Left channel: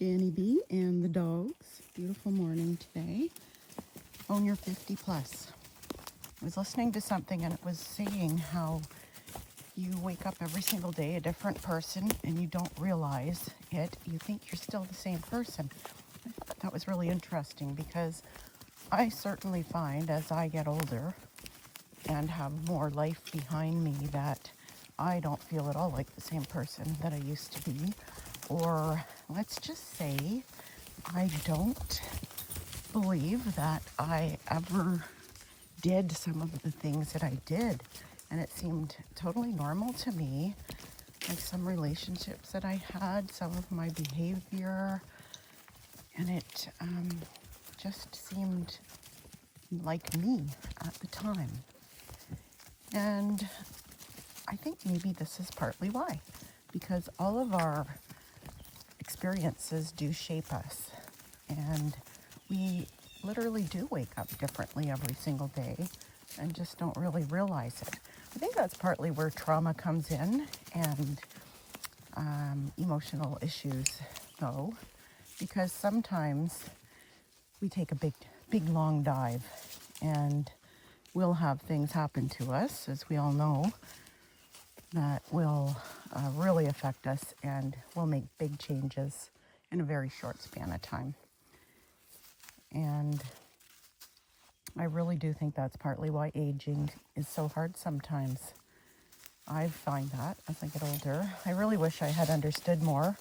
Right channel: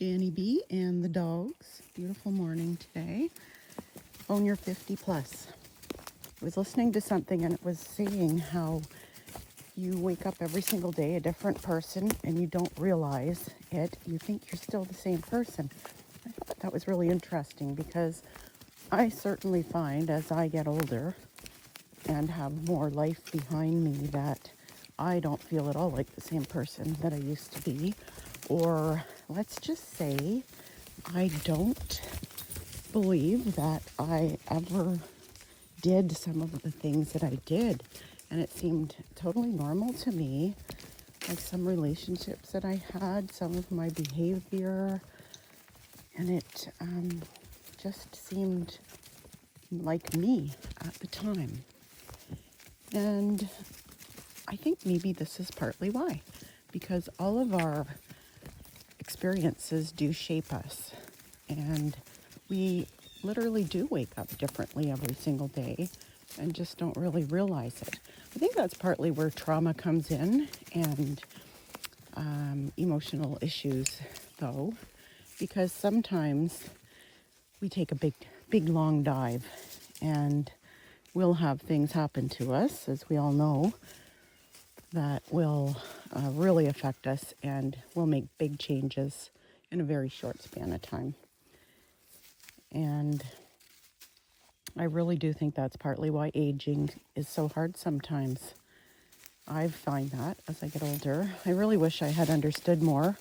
Janny B and the dogs. Beautiful morning today. When you're 50 plus. I was listening to something and it was saying how you wake up every single day a different person and you don't realize it. You think you're still the same person. I thought that was really interesting because I certainly find as I get older and have more life behind me that I don't feel at all like the same person that I used to be. Or let's just say I don't believe that I ever did some of the things that I did. And it seemed totally normal to me, like some relationships that I had, some of my behavior, and it just seemed like me at the time. And I think maybe this is partly why, because all of our experiences do shape us, and we literally do wake up differently every single day and just don't really realize it. I think that's partly where trauma comes in, and emotional issues though, because sometimes we take a big long dive and we'll have things happen to us, as we all know, that will really affect us and will make big changes in a very short span of time. And I really do think that's partly why aging is so hard sometimes. I find that as I get older. I really wish I had understood more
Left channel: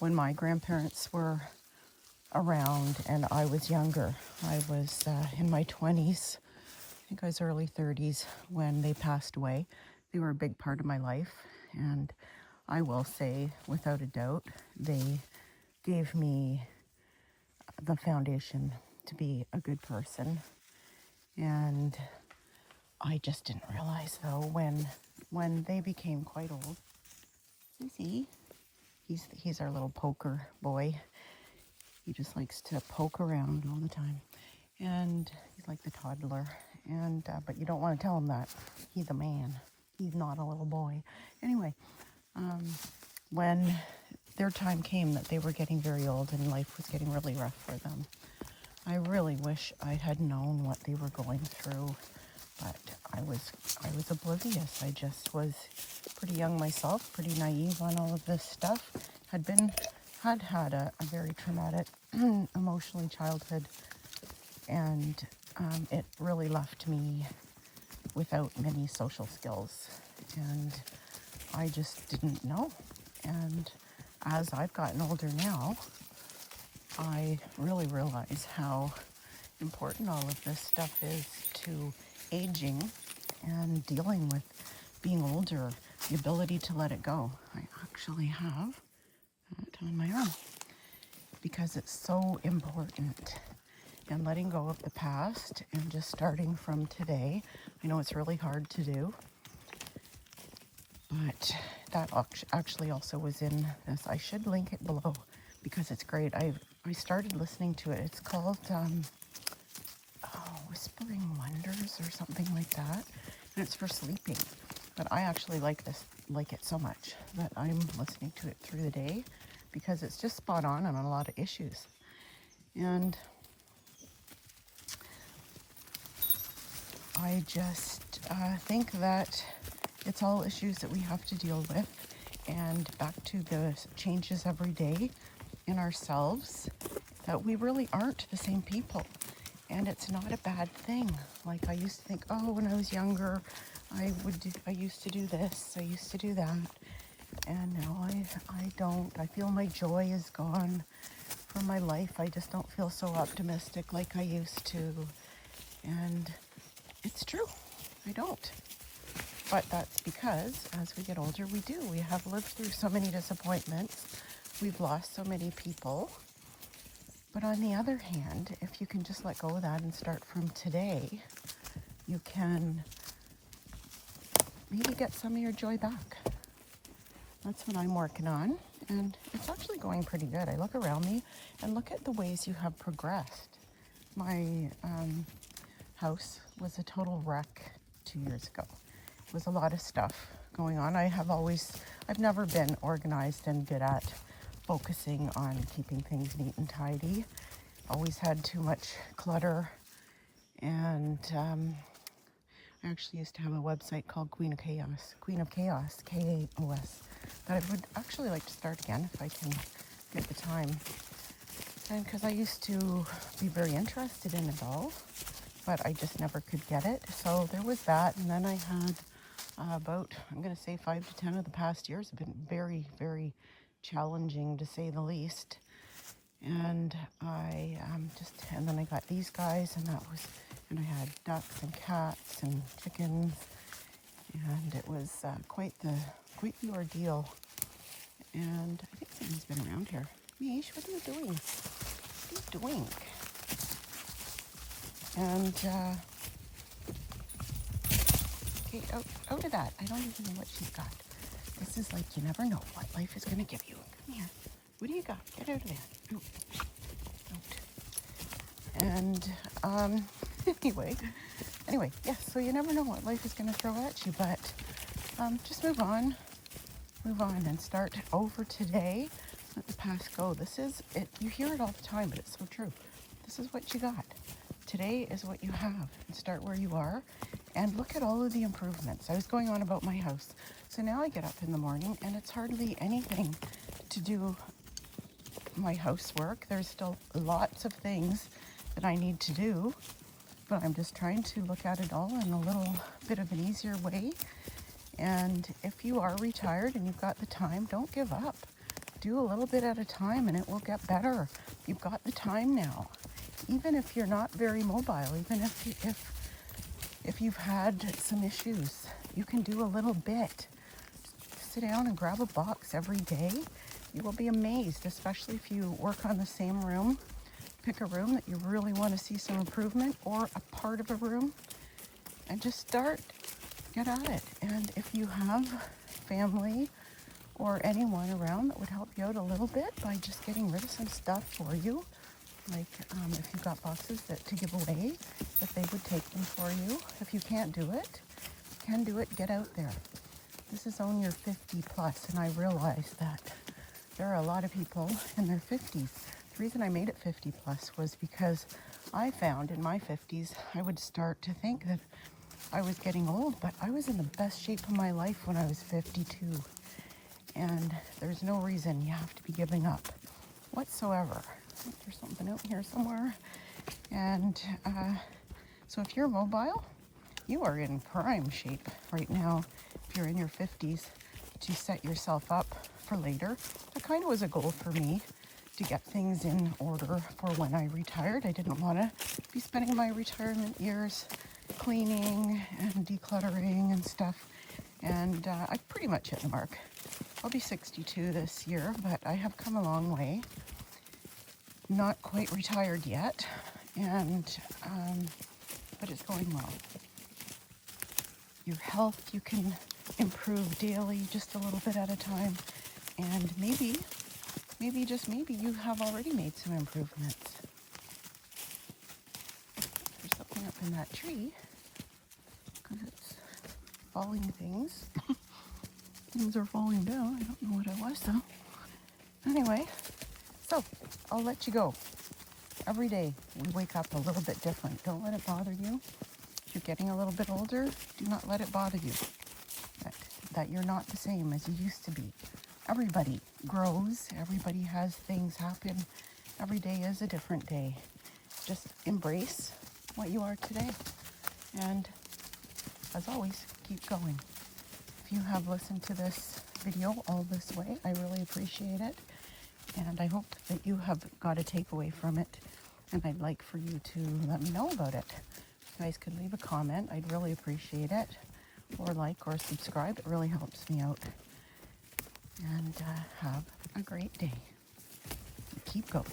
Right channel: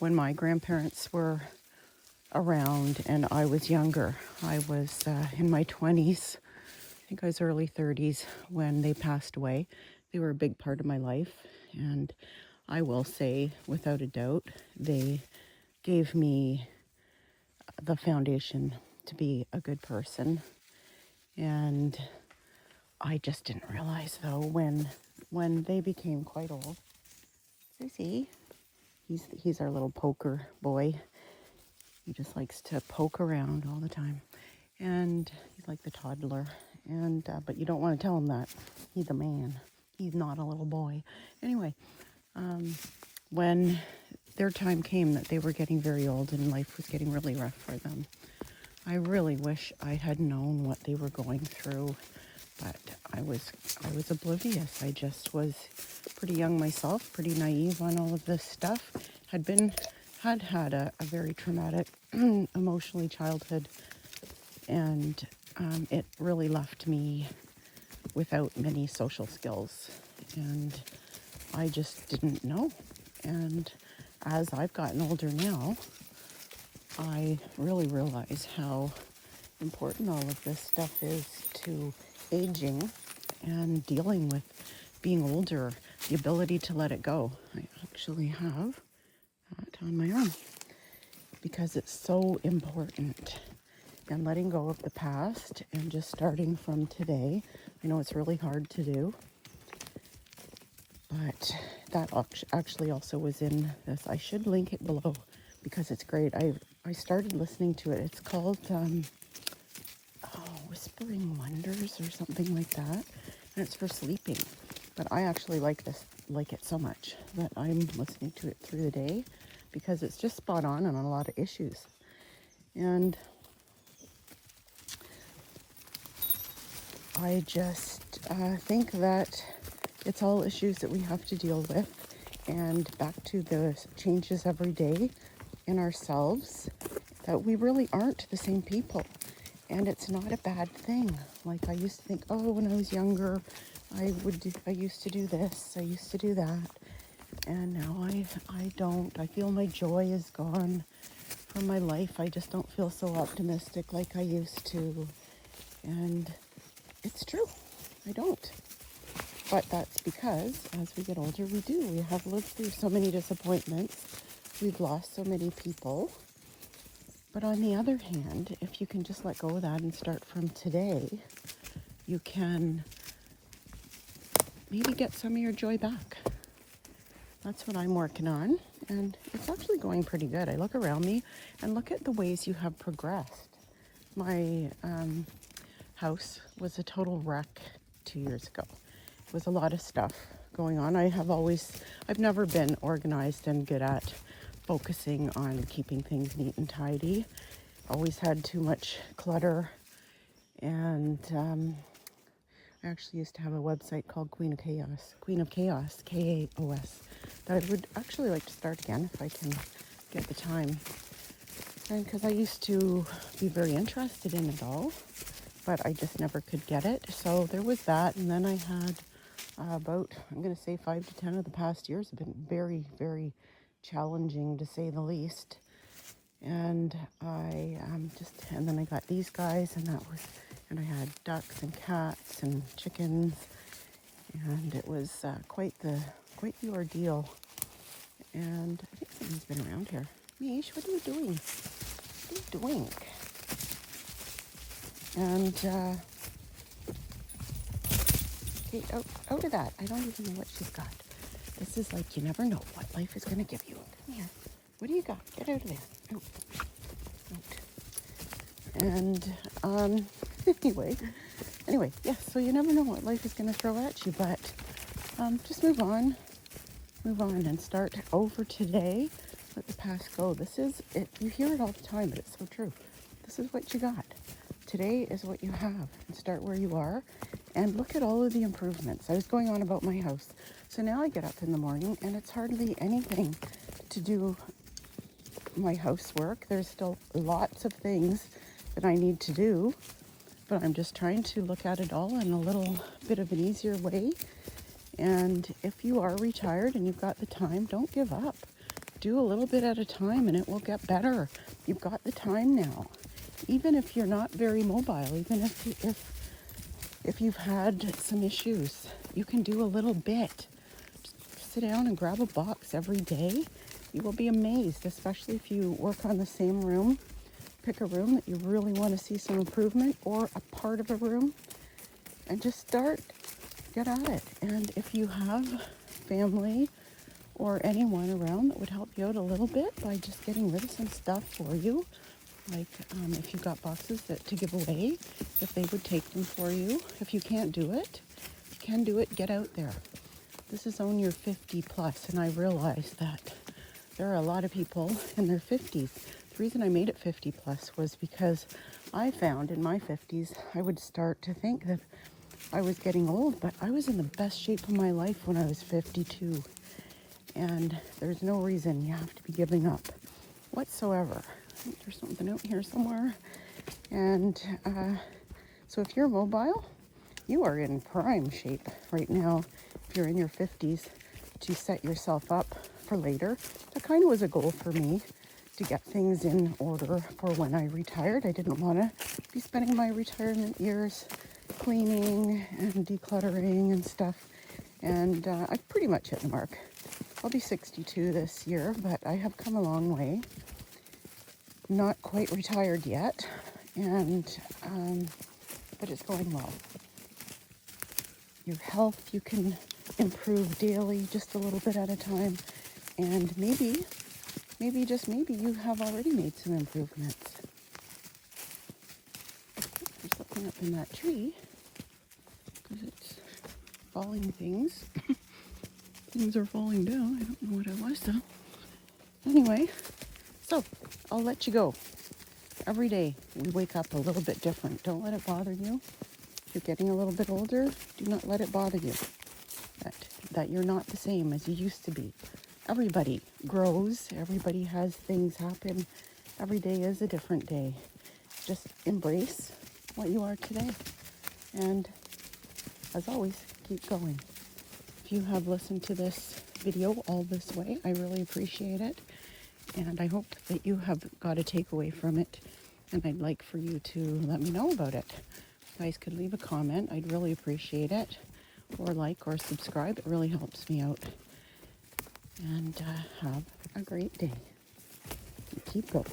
when my grandparents were around and I was younger. I was in my 20s, I think I was early 30s when they passed away. They were a big part of my life, and I will say, without a doubt, they gave me the foundation to be a good person. And I just didn't realize, though, when they became quite old. Susie, he's our little poker boy. He just likes to poke around all the time, and he's like the toddler. And but you don't want to tell him that he's a man. He's not a little boy. Anyway, when their time came that they were getting very old and life was getting really rough for them, I really wish I had known what they were going through, but I was oblivious. I just was pretty young myself, pretty naive on all of this stuff. Had had a very traumatic, emotionally childhood, and it really left me without many social skills, and I just didn't know. And as I've gotten older now, I really realize how important all of this stuff is to aging and dealing with being older, the ability to let it go. I actually have that on my arm because it's so important. And letting go of the past and just starting from today. I know it's really hard to do, but that actually also was in this. I should link it below because it's great. I started listening to it. It's called Whispering Wonders or something like that, and it's for sleeping. But I actually like it so much that I'm listening to it through the day because it's just spot on a lot of issues. And I just think that it's all issues that we have to deal with, and back to the changes every day in ourselves, that we really aren't the same people, and it's not a bad thing. Like I used to think, oh, when I was younger, I used to do this, I used to do that, and now I don't. I feel my joy is gone from my life. I just don't feel so optimistic like I used to, and it's true, I don't. But that's because as we get older, we have lived through so many disappointments. We've lost so many people. But on the other hand, if you can just let go of that and start from today, you can maybe get some of your joy back. That's what I'm working on, and it's actually going pretty good. I look around me and look at the ways you have progressed. My house was a total wreck 2 years ago. With a lot of stuff going on. I've never been organized and good at focusing on keeping things neat and tidy. Always had too much clutter, and I actually used to have a website called Queen of Chaos, K-A-O-S, that I would actually like to start again if I can get the time. And because I used to be very interested in it all, but I just never could get it. So there was that, and then I had about, I'm going to say 5 to 10 of the past years have been very, very challenging, to say the least. And I and then I got these guys, and I had ducks and cats and chickens, and it was quite the ordeal. And I think someone's been around here. Mish, what are you doing? What are you doing? And hey, out of that. I don't even know what she's got. This is like, you never know what life is going to give you. Come here. What do you got? Get out of there. Out. And anyway, yeah, so you never know what life is going to throw at you, but just move on and start over today. Let the past go. This is it. You hear it all the time, but it's so true. This is what you got. Today is what you have, and start where you are and look at all of the improvements. I was going on about my house. So now I get up in the morning and it's hardly anything to do my housework. There's still lots of things that I need to do, but I'm just trying to look at it all in a little bit of an easier way. And if you are retired and you've got the time, don't give up. Do a little bit at a time and it will get better. You've got the time now. Even if you're not very mobile, even if you've had some issues, you can do a little bit. Just sit down and grab a box every day. You will be amazed, especially if you work on the same room. Pick a room that you really want to see some improvement, or a part of a room, and just start. Get at it. And if you have family or anyone around that would help you out a little bit by just getting rid of some stuff for you, like if you've got boxes to give away, if they would take them for you. If you can't do it, get out there. This is on your 50 plus, and I realize that there are a lot of people in their 50s. The reason I made it 50 plus was because I found in my 50s I would start to think that I was getting old, but I was in the best shape of my life when I was 52. And there's no reason you have to be giving up whatsoever. I think there's something out here somewhere. And so if you're mobile, you are in prime shape right now. If you're in your 50s, to set yourself up for later. That kind of was a goal for me, to get things in order for when I retired. I didn't want to be spending my retirement years cleaning and decluttering and stuff. And I've pretty much hit the mark. I'll be 62 this year, but I have come a long way. Not quite retired yet, and but it's going well. Your health, you can improve daily, just a little bit at a time, and maybe just maybe you have already made some improvements. There's something up in that tree, because it's falling things. Things are falling down. I don't know what it was though. Anyway, so I'll let you go. Every day you wake up a little bit different. Don't let it bother you. If you're getting a little bit older, do not let it bother you. That you're not the same as you used to be. Everybody grows. Everybody has things happen. Every day is a different day. Just embrace what you are today. And as always, keep going. If you have listened to this video all this way, I really appreciate it. And I hope that you have got a takeaway from it. And I'd like for you to let me know about it. You guys could leave a comment. I'd really appreciate it. Or like or subscribe. It really helps me out. And have a great day. Keep going.